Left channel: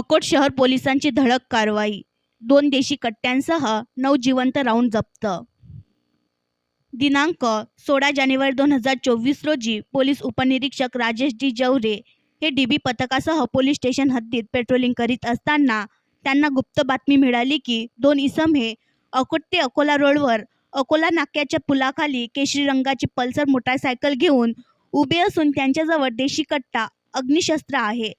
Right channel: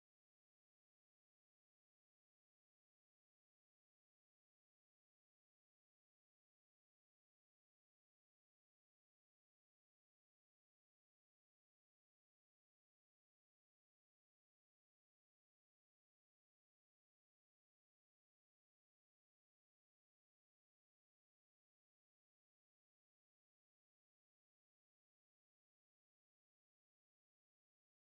अकोट शहर पोलिसांची धडक कारवाई, 2 देशी कट्ट्यांसह 9 जिवंत राऊंड जप्त. दिनांक 16 जानेवारी 2024 रोजी पोलीस उपनिरीक्षक राजेश डी जवरे हे डीबी पथकासह पोलीस स्टेशन हद्दीत पेट्रोलिंग करीत असताना त्यांना गुप्त बातमी मिळाली की 2 इसम हे अकोट ते अकोला रोडवर अकोला नाक्याच्या पुलाखाली केशरी रंगाची पल्सर मोटारसायकल घेऊन उभे असून त्यांच्याजवळ देशी कट्टा, अग्निशस्त्र आहे.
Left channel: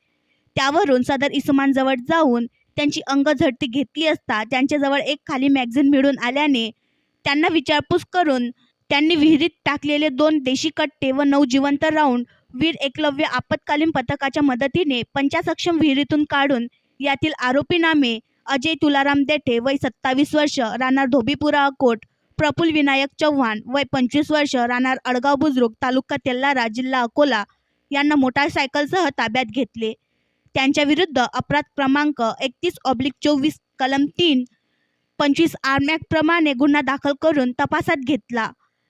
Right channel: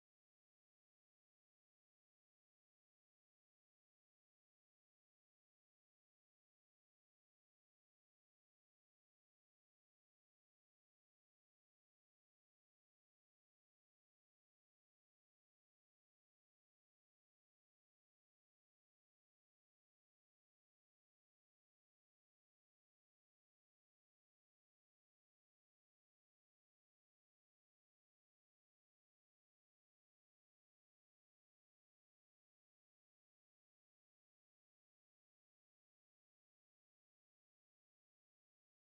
त्यावरून सदर इसमांजवळ जाऊन त्यांची अंगझडती घेतली असता त्यांच्याजवळ एक खाली मॅगझिन मिळून आल्याने त्यांना विचारपूस करून त्यांनी विहिरीत टाकलेले 2 देशी कट्टे व 9 जिवंत राऊंड वीर एकलव्य आपत्कालीन पथकाच्या मदतीने पंचासक्षम विहिरीतून काढून यातील आरोपी नामे अजय तुलाराम देठे वय 27 वर्ष राहणार धोबीपुरा अकोट, प्रफुल्ल विनायक चव्हाण वय 25 वर्ष राहणार अडगाव बुद्रुक तालुका तेल्लारा जिल्हा अकोला यांना मोटारसायकलसह ताब्यात घेतले. त्यांच्या विरुद्ध अपराध क्रमांक 31/24 कलम 3, 25 आर्म ॲक्ट प्रमाणे गुन्हा दाखल करून तपासात घेतला.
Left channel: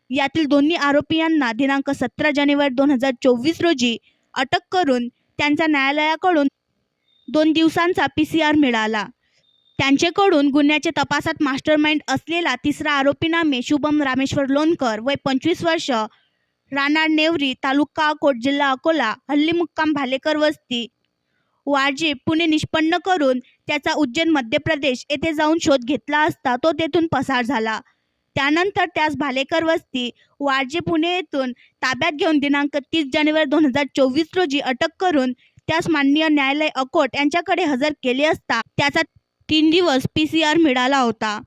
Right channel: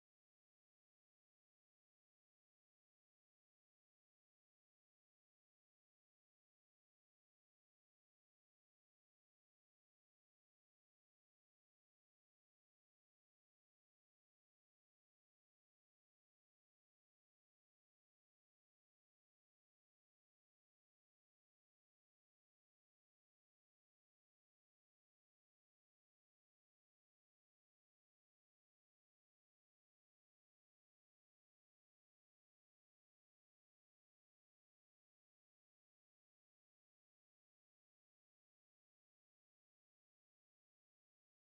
यातील दोन्ही आरोपींना दिनांक 17 जानेवारी 2024 रोजी अटक करून त्यांचा न्यायालयाकडून 2 दिवसांचा PCR मिळाला. त्यांच्याकडून गुन्ह्याच्या तपासात मास्टरमाइंड असलेला तिसरा आरोपी नामे शुभम रामेश्वर लोणकर वय 25 वर्ष राहणार नेवरी तालुका अकोट जिल्हा अकोला हल्ली मुक्काम भालेकर वस्ती वाजे पुणे निष्पन्न करून त्याचा उज्जैन मध्य प्रदेश येथे जाऊन शोध घेतला असता तो तेथून पसार झाला. त्यानंतर त्यास भालेकर वस्ती वाजे पुणे येथून ताब्यात घेऊन दिनांक 30 जानेवारी 2024 रोजी अटक करून त्यास माननीय न्यायालय अकोट यांच्याकडे हजर केले असता त्याचा 3 दिवस PCR मिळाला होता.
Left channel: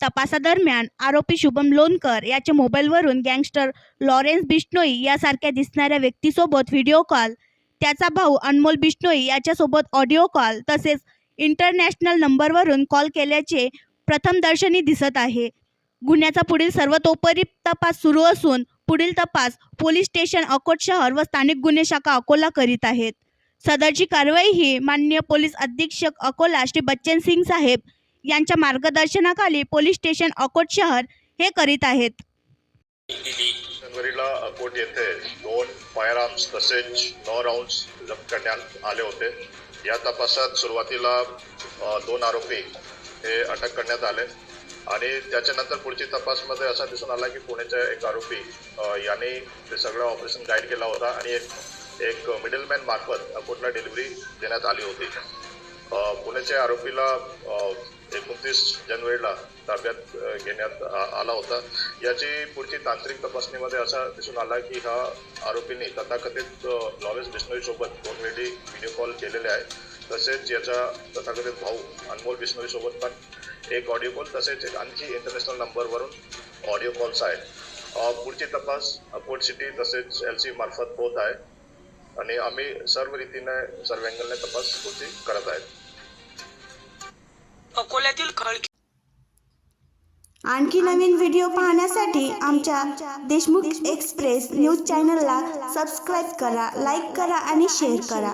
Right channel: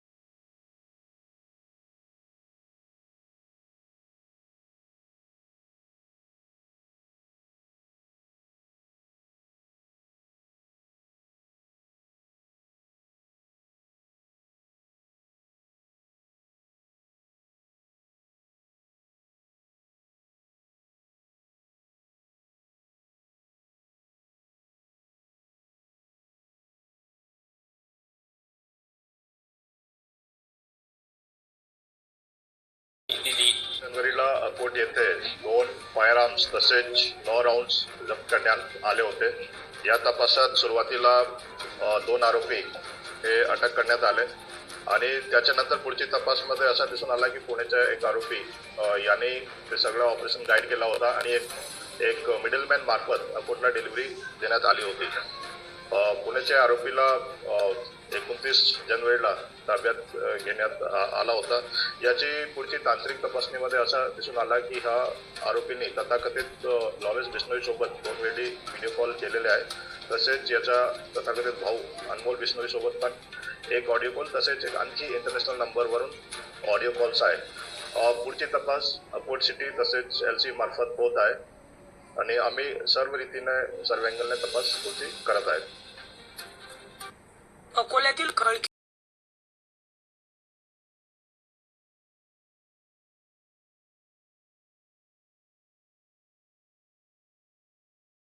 तपासादरम्यान आरोपी शुभम लोणकर याच्या मोबाईलवरून गँगस्टर लॉरेन्स बिश्नोई यासारख्या दिसणाऱ्या व्यक्तीसोबत व्हिडिओ कॉल, त्याचा भाऊ अनमोल बिश्नोई याच्यासोबत ऑडिओ कॉल तसेच इंटरनॅशनल नंबरवरून कॉल केल्याचे प्रथमदर्शनी दिसत आहे. गुन्ह्याचा पुढील सर्वतोपरी तपास सुरू असून पुढील तपास पोलीस स्टेशन अकोट शहर व स्थानिक गुन्हे शाखा अकोला करीत आहेत. सदरची कारवाई ही माननीय पोलीस अधीक्षक अकोला श्री बच्चन सिंग साहेब यांच्या मार्गदर्शनाखाली पोलीस स्टेशन अकोट शहर हे करीत आहेत. जानेवारीला अकोट येथे 2 फायर आर्म्स तसेच 9 राऊंड्स जप्त करण्यात आले होते. या तपासात सुरुवातीला 2 आरोपी हे अटक करण्यात आले आणि त्याच्यानंतर पुढची तपासमध्ये असा दिसून आला की पुण्याचा एक आरोपी याने ते सगळं ऑपरेशन गाईड केला होता आणि एक मिडलमॅन मार्फत अकोटला डिलिव्हरी देण्यात आली होती. पुण्याच्या आरोपीला 29 जानेवारीला ताब्यात घेण्यात आला होता. याची पुढची तांत्रिक तपासणीमध्ये असा दिसून आला की हा आरोपीने तथाकथित लॉरेन्स बिश्नोई सोबत 2 वेळी व्हिडिओ कॉल केलेले आहे. तसेच याचा तथाकथित भाऊ अनमोल बिश्नोई सोबत पण एक ऑडिओ कॉल तसेच एक आणखी इंटरनॅशनल नंबरवरून ऑडिओ कॉल्स आहेत. पुढची तपास अकोट सिटी तसेच LC मार्फत होत आहे आणि आम्ही सर्व रीतीने सर्व अँगलने तपास पुढची करत आहेत. अकोल्यातील आणखी नवीन व्हिडिओ पाहण्यासाठी आमच्या देशमुख एक्सप्रेस न्यूज चॅनलला सबस्क्राईब करा, लाईक करा आणि शेअर करा.